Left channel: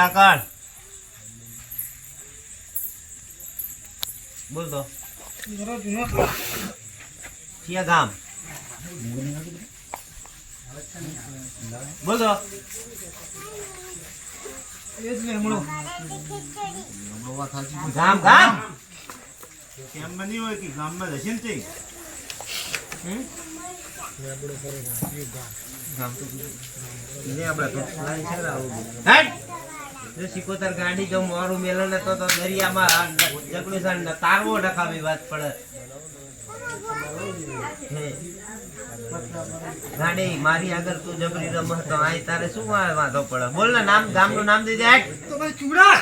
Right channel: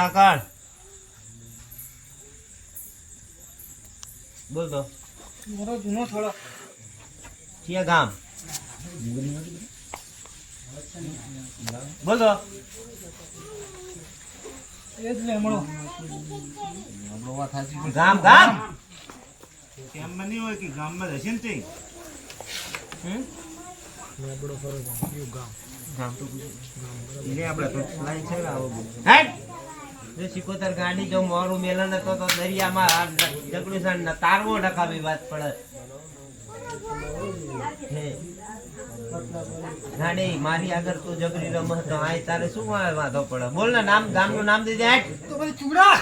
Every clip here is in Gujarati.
ઊંચા કર બોલ તો ગામ બોલ તો ગામ ગામ કેમ્પમાં નહીં હોય કે ગામમાં જ હશે ને તે? ગામ તો લાઈન છે આવો બધું. જો સિકોતર ગાડી જો મારું મેલન હતો તો દરિયામાં આ જગડું ને તારવો નખાવી વાત પડે. ગાડી મારી આગળ તું જબરી રમ તો આ તારે શું વાંધો પડે? બોલ ને નામ ગામનું નામ દઈ દે તો ભાઈ ચૂડા.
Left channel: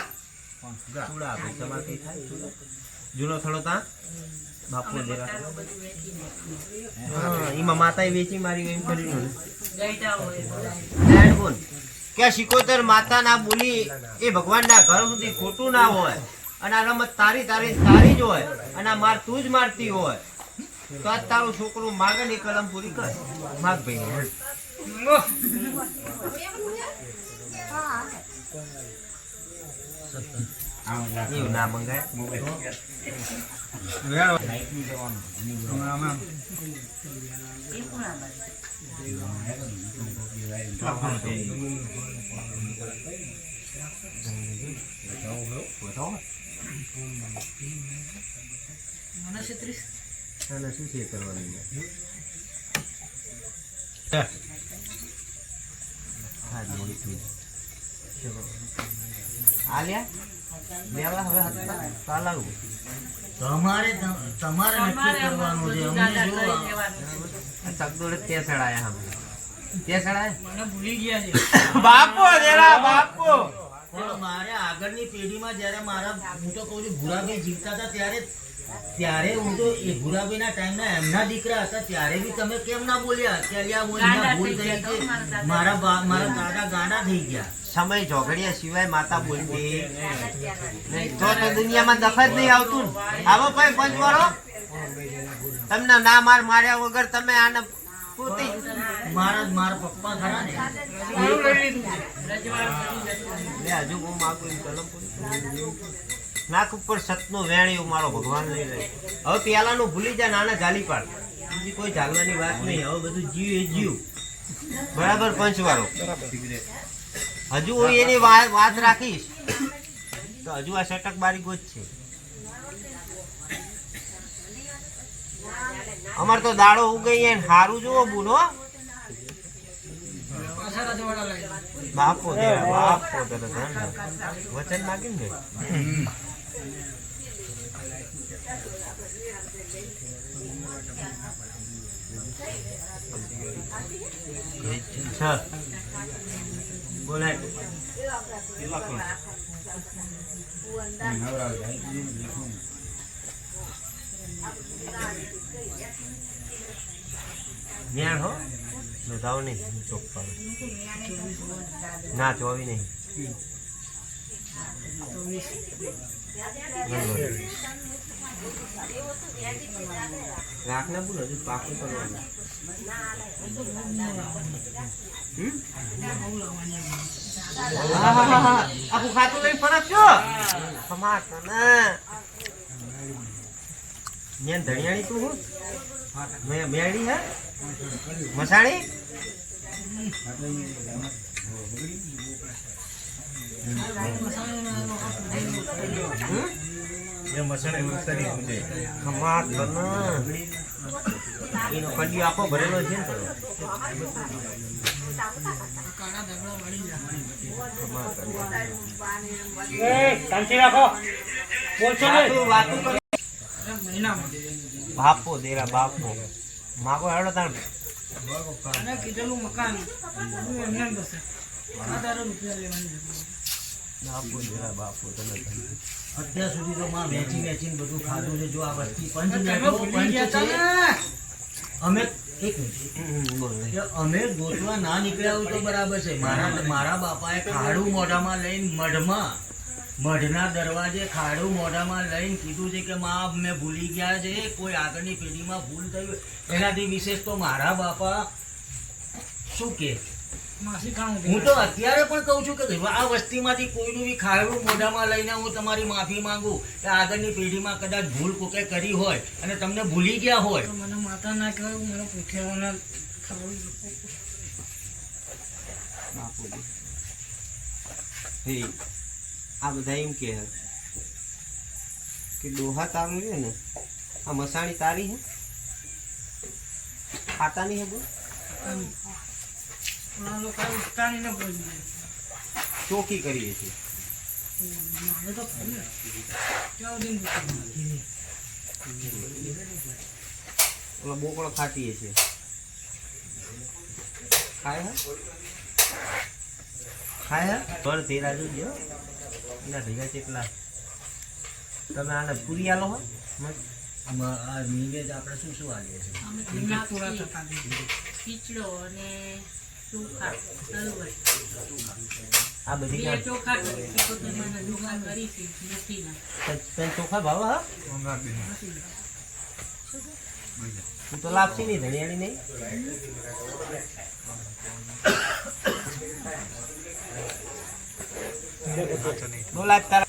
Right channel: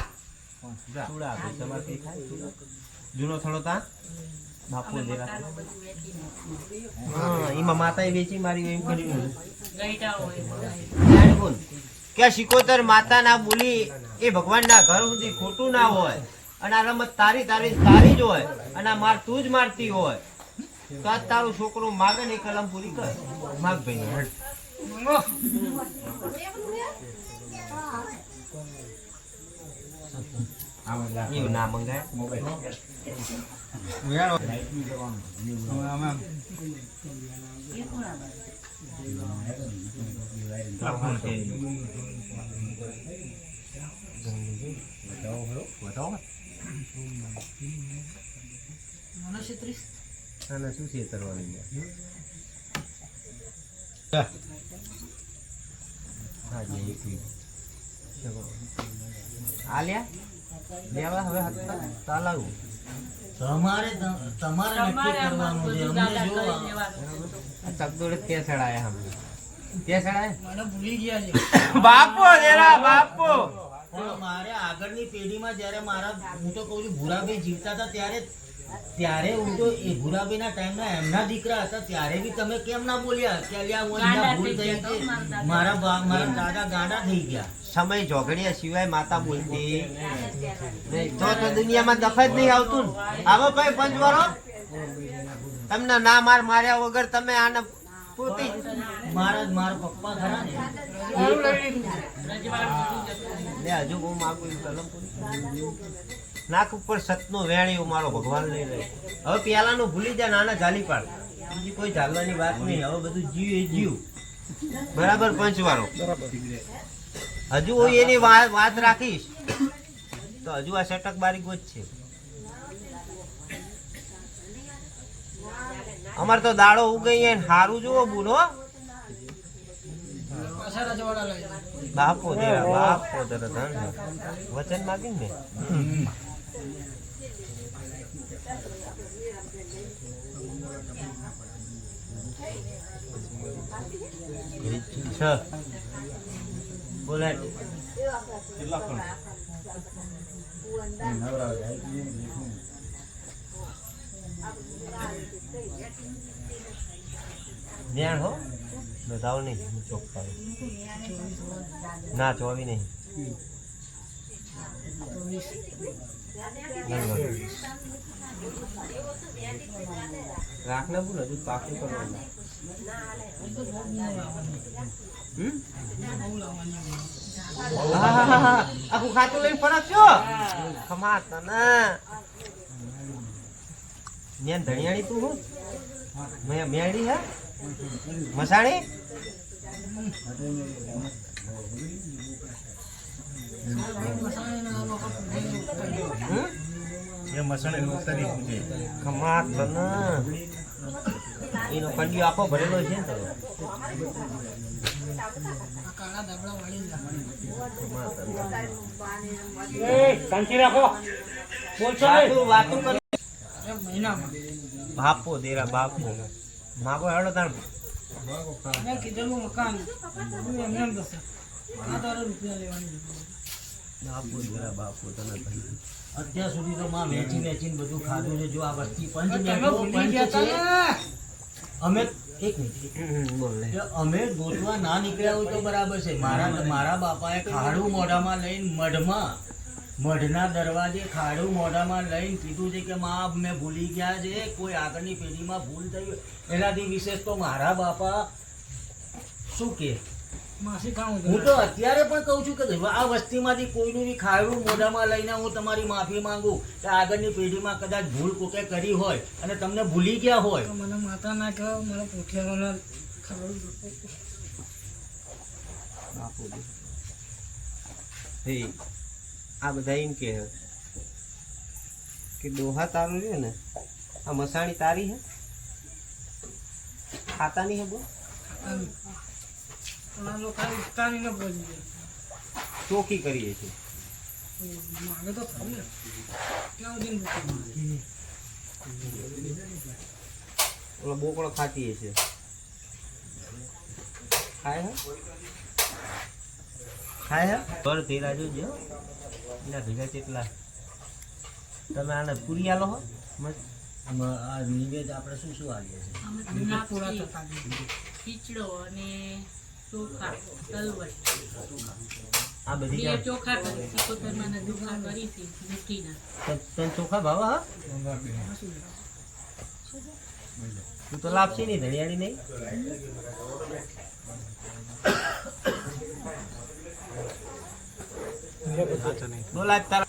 ચૂડા. ભાઈ તમારથી થાય ચૂડા. જૂનો થોડો તા? બાપુ દેરા હા એમાં માતાએ વેચી મારી એમ કર્યું હોય. ગુણ. કે શિકોતર માતા ના બોલી એ ભગવાન ના ઘર સુધી ખોટું ના હોય. અને આ રમત તારી તારી તારી જ હોય. અને આ માર તું જ મારતી હોય. તો આ તારો છોકરો માગે ને કલમ પૂરી કર. માગ ભાઈ. ના મંગાય? મને છત્રીસ આને શું છે કરવાનું હા જી એટલું. ચલો. આલ્યા લેવા હવે હતા ચાલાવું. તમારે તમારે નક્કી કરવાનું છે. અમને જો આ ચકદોડે તે ચડાયા હમ તે ચડાય મને ભૂલી ગયા છે. બાપો જરા બાપો. મારે આગળની પેઢીમાં જ્યારે મારા હું તો કહું છું ભૂરાભાઈ જીવતા હતા ત્યારે ત્યારે હું તો એ ભૂરાભાઈના ટાઈમના એમના દીકરા હતા ત્યારે બી તમે કેમ ના બોલ્યા? હું એમના ભૂલ થઈ ગઈ મારા બા- મારા દાદા ગાડા થઈ ગયા. સમય ઝોગડિયા સિવાય માતા બોલતી. તો તો દુનિયામાં દખ જ નહીં આવતું આવો ભાઈ પંચવાળો. તમને ના માર માર્યા વગર તમે આને પૂરતી મારા મારા પપ્પા ખરા ને હજુ હું માગું કલમ પૂરી નાક ઉપર સતનો વેણ્યો મારો ભગવાન લઈ રહે. હવે પેલાનું ભૂલી જા, નાના જાલી પાડ. બીજી કોઈ જાલવાની વાત નહીં. હવે બધું જીવ એ જીવ. બરાબર, પંચવાળો. હજુ હું એની વાત રાખીશ. તો હજુ આ સટક બારી ગોજ છે. અમાર તો દાડો ઉગઈ હારું જુઓ બુનો. બાપો દેરા બાપો દેરા વચન માગ્યું ને છ બોલે ન્યાણ હો બતાવો નહીં ચોક પાડો ના ચોવી નહીં. રાખને બોલ હજુ પાકું કરવાનું. આખું ખાતું લઈને ફરકશો ખમા તને મેં ધણિયાણી તું હું મેં મેળી હે મસાણી હમ? એ મસાણે ઉતારી પૂજે ખમા તને એનો કંડિયો આપો ભરેલો છે ને બાપો દેરા બાપો. માગો હેડો તાણ. કીધેલું મકાન. એમને રૂપિયા લેવાની. બાપો દેરા બાપો કહ્યું. અત્યાર સુધી તો માં વેચી વેચીને બધું ખાધું છે. જો આ વસ્તી તમે અમે એક મિનિટ. અમે ગોતવા ના નીકળ્યા તો બરાબર છે. મારા મારા બાપાએ ખાડું મોઢામાં લઈને મઢમાં મઢના દરવાજે ખાડું મોઢામાં લઈને કીધું છે કે માં મેં ભૂલી ગયા છે. કોઈ આગળની પેઢીમાં ભૂલ થઈ એનાથી વિશેષ તો મારા બાપા શું કે હું તો અત્યારે પણ કહું છું કે આ વસ્તીમાંથી કોઈનું બી ખાયડું મોઢામાં લઈને હું તમારી માફી માંગુ. કે આગળની પેઢીમાં કદાચ ભૂલ કોકે કરી હોય અને તમને ભૂલી ગયા હોય. મને માતા ના કહો મને ખાવું આ બધા એમ કે કે ડોહા તારું છે ને આ મસાણી તારી હે ખાતા નહીં હે બોલ ઓલા લોકો ઉઠતાની ને બોલી ચોકી કરીએ છીએ. તો? ઓલો બોકડો ખાતીએ છીએ. ખાય હે? ખાય હે? પર તેરા જોજો એના ભેગા કેટલા? તમે આને પૂરી આલો હો? આ નિવેદ આપણે શું શું આલીએ છીએ. ખીચડો અને ચોખા આ બધી ચોખા કરી છે તન ચોખા ભાવ હા? તું તો લાપસી નહીં ધણિયાળી નહીં. બોલા તારા.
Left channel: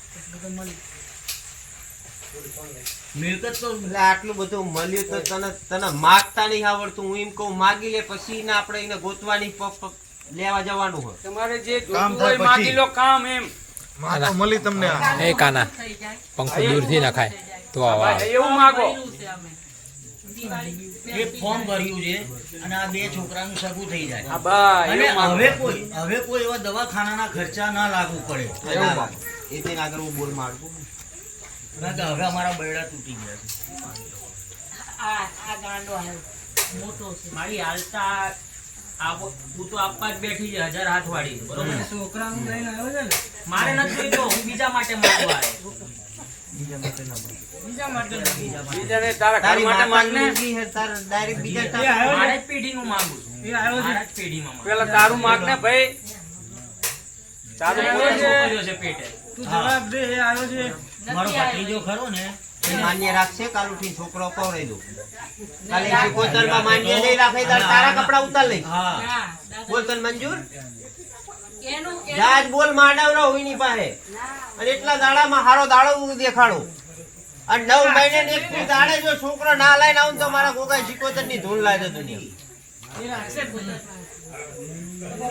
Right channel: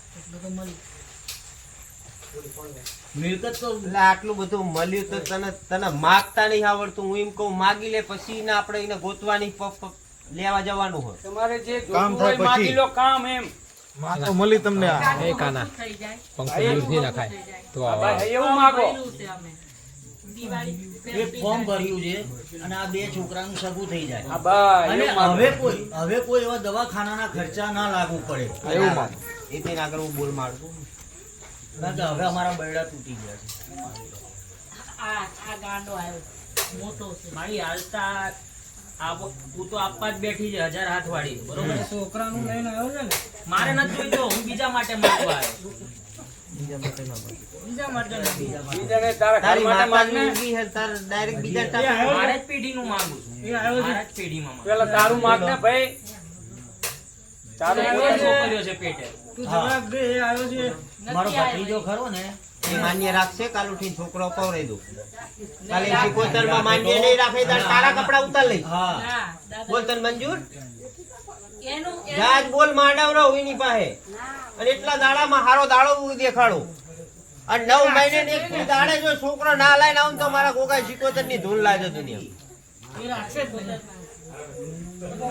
મિલકત તો આટલું બધું મળ્યું તો તને તને માગતા નહીં આવડતું. હું એમ કહું માગી લે પછી ને આપણે એને ગોતવાની લેવા જવાનું હોય. તમારે જે કામ જોતું થાય હોય માગી લો કામ એમ. માં તો મળી તમને એ કાના પંખો દૂરથી નખાય. તો આવો. એવું માગો. એક ફોર્મ ભર્યું છે અને આ બે છોકરાનું સગું થઈ જાય. અને હવે કોઈ હવે કોઈ એવા દવાખાનાના ખર્ચા ના લાગુ પડે. એ. એ તેને આગળ હું બોલ મારું કારણ કે હવે અમારા બૈડા તૂટી ગયા છે. આ આ ગાંડો આવ્યો મોટો છે. મારી હાલતા આ તું તો આપવા જ બેઠી છે હજાર હાથ વાળી. બરોબર. છોકરાનું લઈને આવ્યો છે ને? મારે નથી જોઈતો હું બીજા માટે માંગવા આવ્યો બીજા માટે ના. બીજા માટે નથી. બીજાને તારા ઘર તારી માટે માતા માગને હે તાર ડાયરેક્ટ બીજા એ આવ્યો મારે છે જ પેઢીનું માંગુ છું. એ આવ્યો છે. પેઢીમાં પેલા તારું માગને ભાઈ. તારું મોટો બોલે છે. છે પેટે. તું જવાબ દે એ આવ્યો છે. મારો ભત્રીજો ખરો ને એ માન્ય રાખશે કાલ ઉઠીને છોકરો પવરાઈ દઉં. કાલે સિકોતરમાં માન્ય નહીં રાખે તાર તારા કપડા ઉતાર લઈ. બોલ તને મંજૂર? એનું જાજ બોલ માંડવરો હોઈની પાસે. અને એટલા દાડામાં હારો દાડો દેખાડો દેખાડું. અને નવ મહિને ને એક દી દાડે જો છોકરો ના લાઈને આવું તો મારા કોકાઈ સિકોતરની ધૂળ લાગે દુનિયા.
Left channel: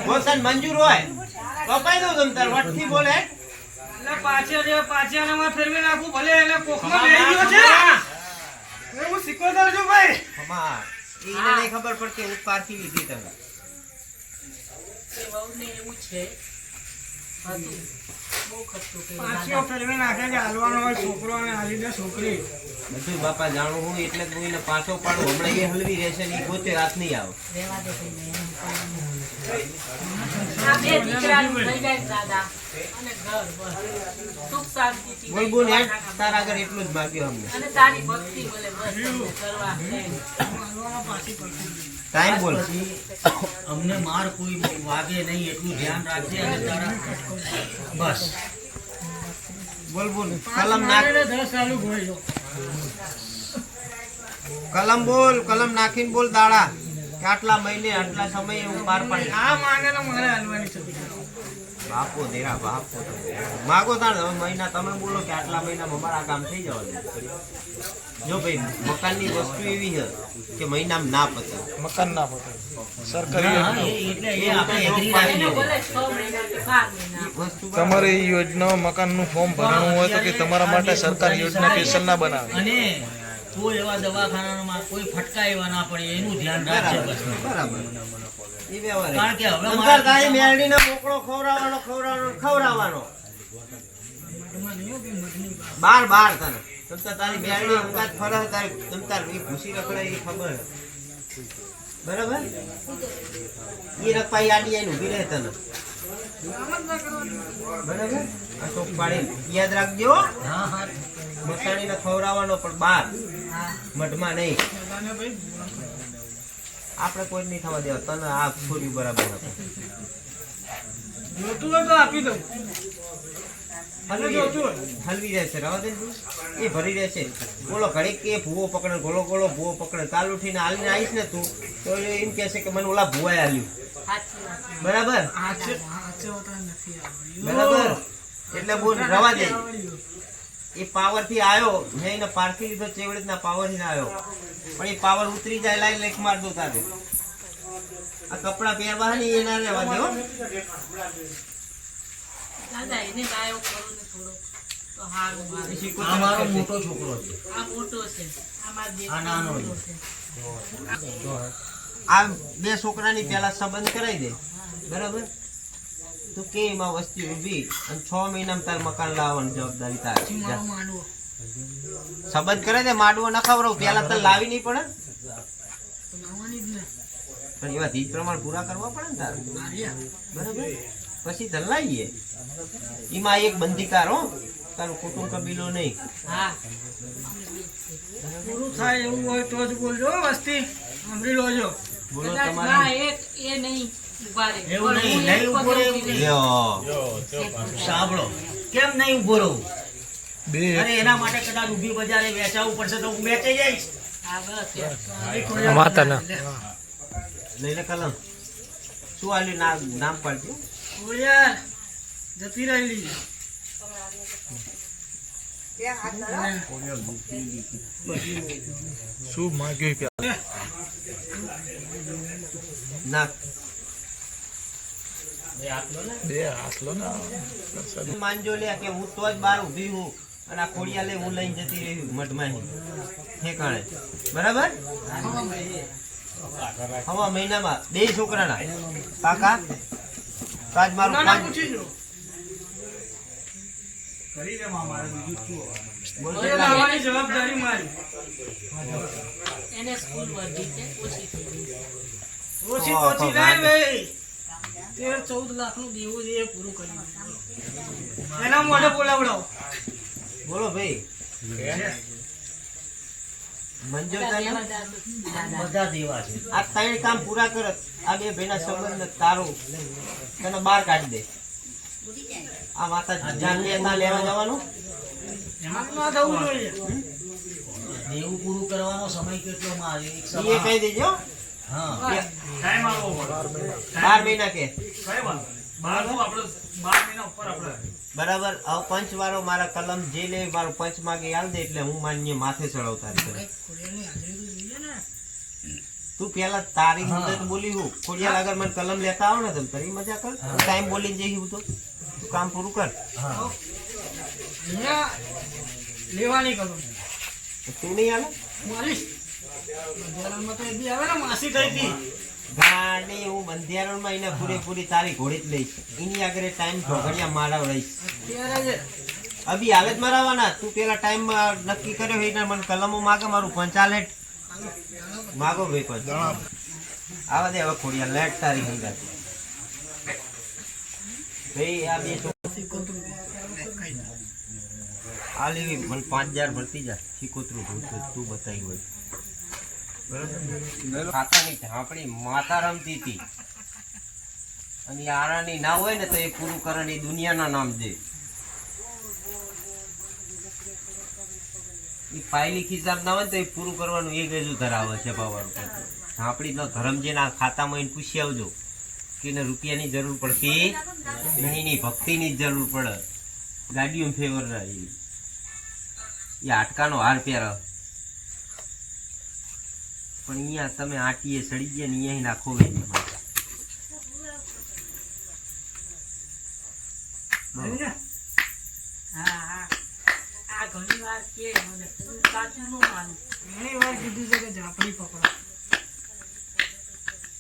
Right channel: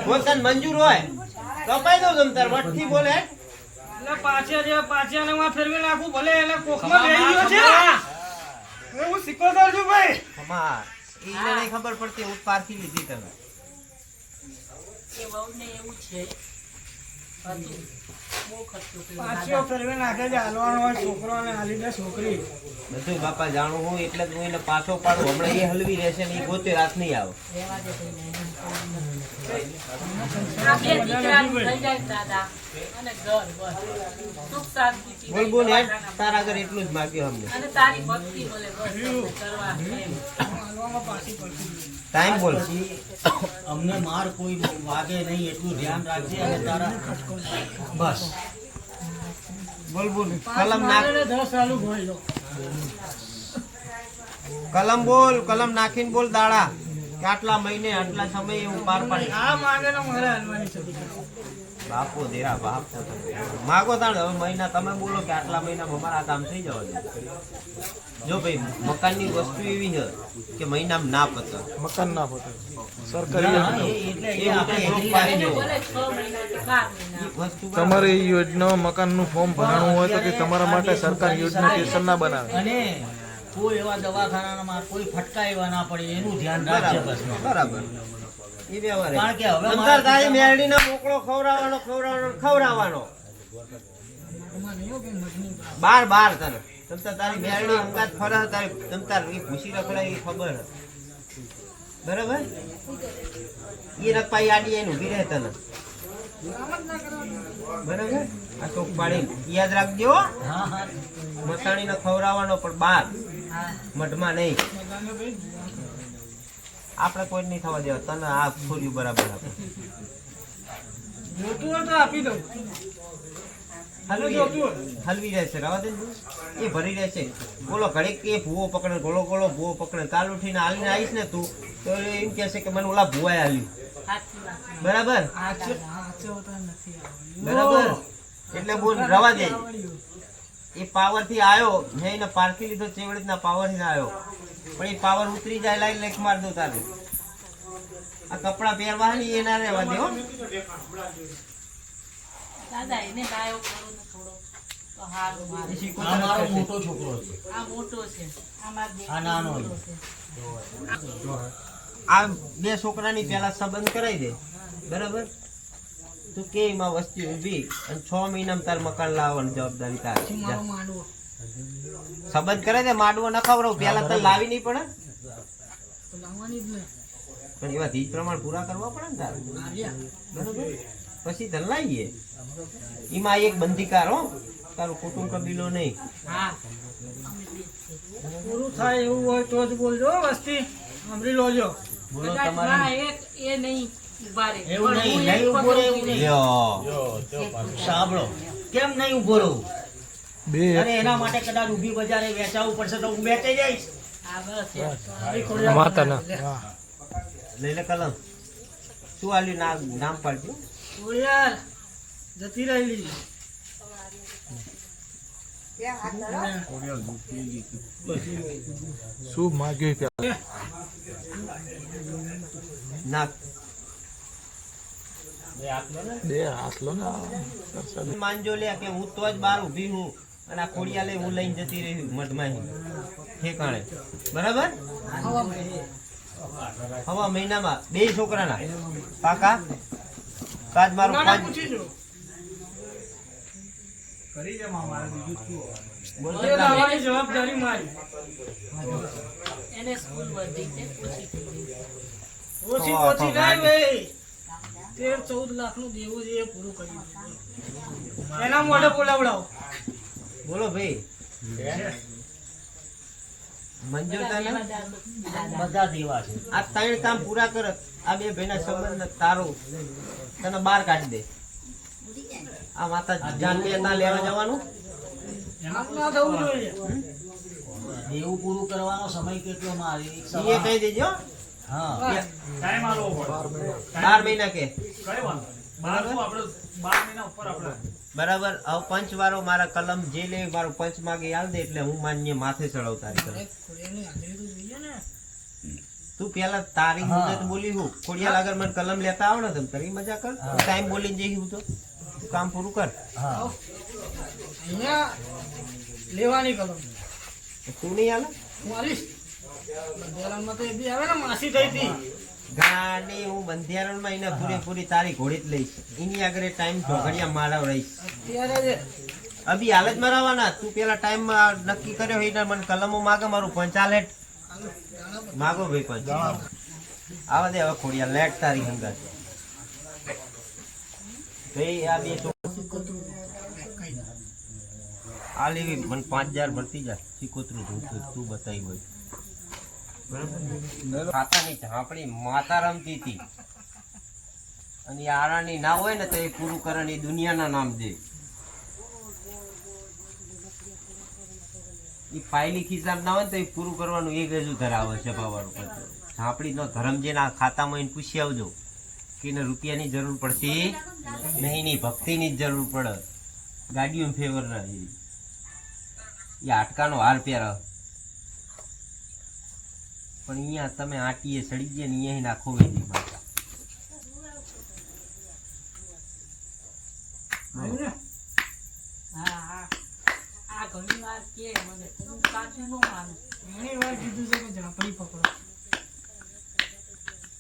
બોલ તને મંજૂર હોય? કપાઈ દઉં તમ તાર વટથી બોલે. પાછે જે માં ફેરવી નાખું ભલે એને કોખમાં ગયો છે. હું સિકોતર છું ભાઈ. એને નહીં ખબર પડતી હું પારખી લીધી તમે એવું છે. પાછો નાખે છે હાલવાનો હોય છોકરો અને હાલી દે છોકરી. બધું બાપા જાણું હું એટલે જ હું એને પાછો પાડું. હમણાં એ હલવી રહેશે ને એ પોતે રાત નહીં આવે. રહેવા દે ભાઈને, એમ આ બે દીકરાનું થઈ જાય દાદા. અને ઘર બસ. સુખ શાંતિથી બોલ બોલ હેડ તારા આગળ એટલું જ માગ્યું અમને. તારી ભક્તિ બોલે બસ કરવા ટાઈમ બોલ. અમને માર કોઈ વાગે નહીં એટલું ધ્યાન રાખજે અને તારા બસ. બોલ બોલ. કલમ નાખ. કલમ બોલ કલમ નાખીને બોલ દાડા. આટલા મહિને આટલા સમયે એવું પાર પાડી. આ માંગે તો મારે હલવાની છે. બાપો દેરા બાપો. માગો તાણ હવે મહિના તમે બોલો કે આટલા મહિનામાં અમારા કામ થઈ જવાનું જો ભાઈ મકાનની વસ્તુ એવી છે કે મહિનામાં ના પતે. મકાન ના પતે. સરકારી તમારે એ યોજના મકાનનું ફોર્મ ભરવાનું હોય તો કે તમારા માટે સરકાર યોજના સ્પેશિયલ ના બનાવે. અને કોઈ એવા દવાખાનામાં કોઈ ફટકા એવા ના પડે એનું ધ્યાન રાખજો બરાબર. કારણ કે હવે અંતર મારા- તારી મેરડીને મોકળો ખવડાવવાનો ખવડાવવાનો ખવડાવવાનો. બાર બાર તને. તમતાર તારી મેરડી અંગાત ફરે તારી તમતાર એ ભૂસી રખડાય એ ખબર. બરાબર? એ રખપાઈ આડી આઈને ઊભી રહે તને. બરાબર? આ શોક પાડી યાદ રાખજો મસાણીને ખવડાવવાનો પણ બાર. મઢમાં નહીં. આપણે કોઈ નહીં થવા દેવા. તને આ છોરી બરાબર આપો જોતું હોય તો આપી દઉં. હલવી જાય છે. રવા દે એ ભરી રહે છે. બોલો ઘડીક કે ભૂવો પકડે ગોળો ગોળો ભૂવો પકડે. કાલ ઉઠીને હાલીને આવીશ ને તું તો એ એમ કહેશે કે મને ઓલા ભૂવાએ હાલ્યું. છે. બરાબર. બરાબર? એટલે બોલ રવા દે. એ પાવરથી આવ્યો. મેં એને પારખી લીધો તેવી રીતના પાવરથી આવ્યો. પણ એ પાવર ઉતરી જાય લાઈન લેખ માર દો તારે. આ કપડા પહેરવા ની એના રહેવા દેવો હો. દાદા એને ગાયો કરો ને થોડો. તો હારું એ મારે. શીખો આ મોટો છોકરો છે. આ મોટો છે. આ મારો નાનો છે. આ બે છોકરાની પેલા સંબંધ કરાવી દે. બરાબર? તું કે એમાં વસ્તી ઊભી? અને છ મહિનામાં તાર મકાન લાવવાની જવાબદારી તારી. સંબંધ કરે છે માડવો ન ખવડાવ પેલા તાર લાવી નહીં પડે. તો લાવવાની જ ને. પણ એવા ધીજ પ્રમાણ પૂરા કરવા પડે ને તારે. બરાબર? પછી તને લાવીએ એમાં એક બંધીકાર હો. તારું કુટુંબ કબીલો નહીં. પૂરું થાય એવું હોય તો જ બોલજો વસ્તી. સાંભળી લોજો. બોલો તમારે. એક એ નહીં. એવું નહીં, નહીં ઊભો રહે એવું નહીં. સાંભળો. કેમ નહીં ઊભો રહું? અરે એના માટે કદાચ ઊભી બજારે વેચાવવું પડશે તો હું વેચાઈ જઈશ. હા, બસ માતાના લઈ કલમ શું આલ્યું નામ નામ પાડજો. યાર જતી રહેલી. શું માગ્યું ના બે હાથ લો ને માનજો લે કે હું તો જ બાર ઊભી હું અને આ ખોડિયા લઈ હું લઈને જતી રહી મઢમાં ઠેકાણે. બરાબર? હવા મહિનામાં બે છોકરાના. કાકા? તાજ મારું ના, ના, પાંચ પૂછી જો બોલ હવે કેટલા? જવાબદારી મારી. એને સ્કૂલ વર્ધી છે ઓછી થઈ ગઈ. ઓછી ઓછી ભાઈ તેર ચૌદ લાખનું દેવું છે એ પૂરું કરી એના મોઢે બોલાવડાવો. બોલો ભાઈ. મંજૂર તને બધા દેવા છે. આ ત્રણ કામ પૂરા કરત આ બે ભાઈના સંબંધ તારું. તને બહાર કાઢી દે. આ માતા જાનની લેવા જવાનું? દેવું પૂરું કરવાનો સમય કેટલો મારે? એ કહી દેજો. હા. બાર મહિના કે. બરાબર બરાબર હવે પંચ વાળો મારા કલમ જે લે મારો પંચ માગે આવી દે એટલે હું માન્ય માથે ચડાવતા તો જોઈએ ને. તું પેલા તારી મુદત બોલી હું. ખોડિયા આગળ મને કલમ લેતા આવો ને તમે. તારી મજા કર. ટાઈમ બોલીને જઈ હું તો. તું કામ પૂરું કર. લેવાની કલમ. તું નહીં આલે? તો એ બી આવે ને માસી થઈ હતી. ગાડી હું બંધિયારણમાં એને પૂરેપૂરી તારી ઘોડી જ લઈશ. એની આગળ ટાઈમ ઘોઘડિયા મારાવ રહીશ અભી હાલ જ મરાવાના. તું પેલા ટાઈમ નક્કી કર્યો એટલે મને કલમો માગે મારું પંચાલેટ માગો ભાઈ પંચ આવા દે હવે ખોડિયા લેટ તારી હંગાત. ભાઈ આ બે આ લેવી મને પાંચ હજાર ભરતી જા. શીકોતરું ધોતું તું બતાવી હોય. ખાતાની ઝાંપડી માતા રમતી હતી. અને આરાની ના હોય ને તો એ પૂરું કરે ને એ દુનિયાના નામ દે. એ ફાઇલી ખિસાબ ના હોય તો એ પૂરું કરવાનું એક હજુ ધરાવે છે કરતું ઝાંપડીનો ધરમ જે ના ખાતામાં એને પૂછી આવજો કે એને રૂપિયાની જરૂર પડતી નહીં નહીં, ભક્તિની જ જરૂર પડે. ગાડીઓ ફેવર એ. આટકાનો હાર પહેરે પણ અહીંયા તમે આટીએ ચડી ગયા ને અહીંયા નાખો વેલી માતા ઘણી વાર કે મને હું સાચું ન માનું. ઘણી વાર કીધું છે કે ઝાંપડી પકડો.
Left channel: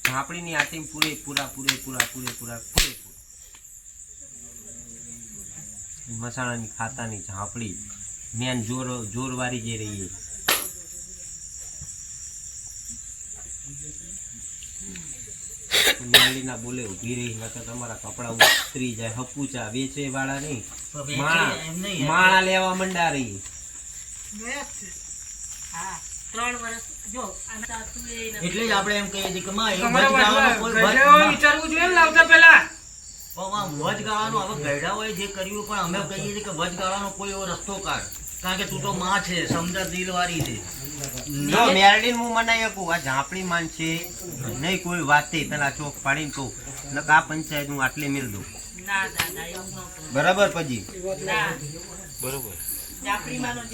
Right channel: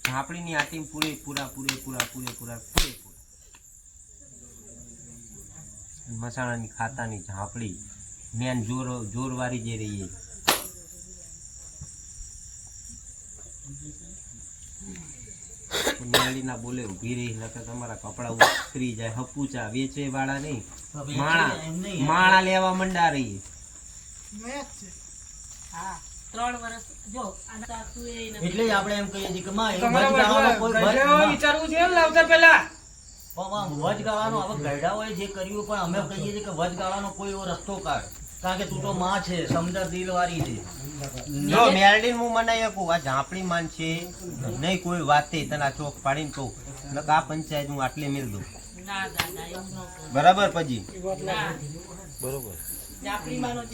ઝાંપડીની આટીમ પૂરે પૂરા પૂરે પૂરા પૂરે પૂરા પૂરે મસાણાની ખાતાની ઝાપડી. મેન જોર જોરવારી જે રહી એ. મેળીના બોલે ઊભી રહી નકર તમારા કપડા ઉતરી જાય. હપુચા વેચે વાળા નહીં માણા એમ લેવા મંડા રહી મેચ છે હા ત્રણ વર્ષ જો આ સાસુ એ નથી. એટલે જ આપણે એમ કહીએ છીએ કે માં વચ ગાવાનો કોઈ- ગઢે વચ- વિચારવું જોઈએ લાવતા પહેલા. પણ વચ ગાવાનો હવે ગયડા હોય જે કર્યું પણ અમે કહીએ છીએ કે વચ ગાવાનો કોઈ એવો રસ્તો કાઢ. કારણ કે તું તો માં છે સમજા દિલવારી છે. જો મેરડી હું મનાઈ શકું આ ઝાંપડી માન છે. નહીં કોઈ વાતે પેલા ચોક પાડીને કહું આ પંચાયત હું આટલી મેળ દઉં. ના ન. બરાબર પછી? બરોબર.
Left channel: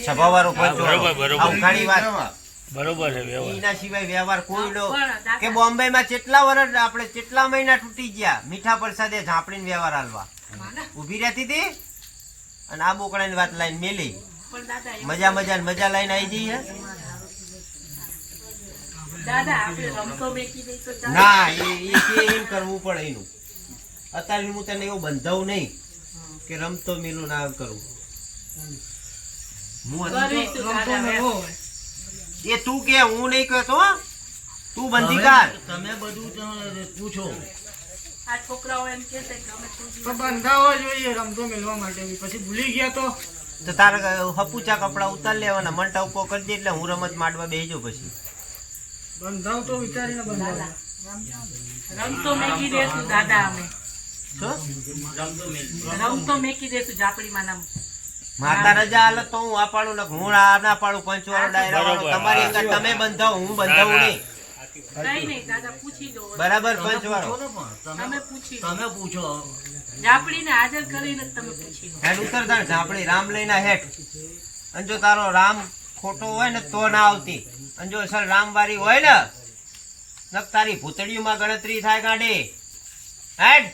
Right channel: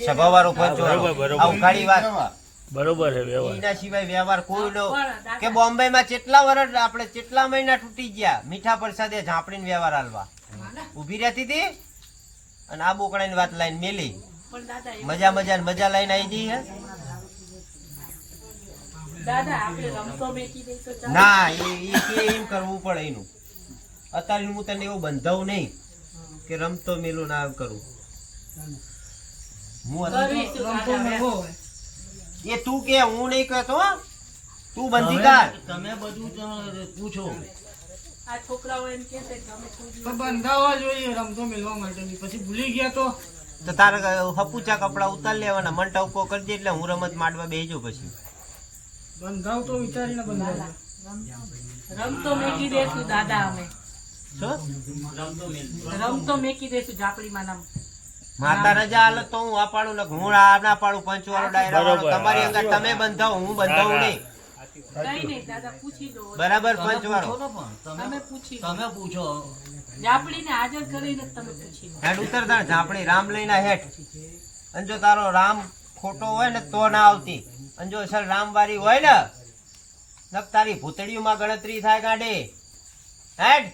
સભાવાળો પંચ બરોબર, બરોબર. આ ઉઘાડી વાત. બરોબર છે એના સિવાય વ્યવહાર કોઈ નો કે બોમ્બે માં કેટલા વર્ષ આપણે કેટલા મહિના તૂટી ગયા? મીઠા પ્રસાદે ઝાપડીને વ્યવહાર હાલવા. ઊભી રહેતી હતી? અને આ બોકડાની વાત લાઈન મેલી. મજા મજા મજા લઈને આવી જઈએ? દાદા આપણે રમતો મેકી દઈ તો ચાલે. ના એ એમ કરવું પડે એનું. અત્યારે હું તને એવું બંધાવું નહીં કે રમતો મેલું ના કરું. હું. એ તું કે હું નહીં કહેતો હો. તું બંધી કર તમે બધું પૂછો. આ છોકરાઓ એમ કે બંધાવા જોઈએ રમતો મેળવા માટે પછી ભૂલી ગયા તો? તો તારે હપુચા કપડા ઉતાર લેવાના મંટા ઉપો કરી દે એટલે હું રમત માંડવા બેસજો પછી. બંધાવ તો વિચારીને બંધાવ રમતો મેકી દેશું દાદા અમે. રમતો મેકી દેશું ઝાપડીમાં નામ. માતા રજા હાલ તો હું આ પાડું ને હું આ ના પાડું પંચ વાળો ડાયરા વાળો. તમારી અંદર તમે બંધાવો હું બંધાવું નહીં. બરાબર પંચ વાળો તમે પૂછો. ઝાપડીને હાજર કરીને હેઠ. અને તારો રામ ખોટો હોય ને તો ના આવતી. અને જો અસલ રામ વારી હોય ને તારી ભૂતળીઓમાં ગણતરી થાય ગાડી. હેડ.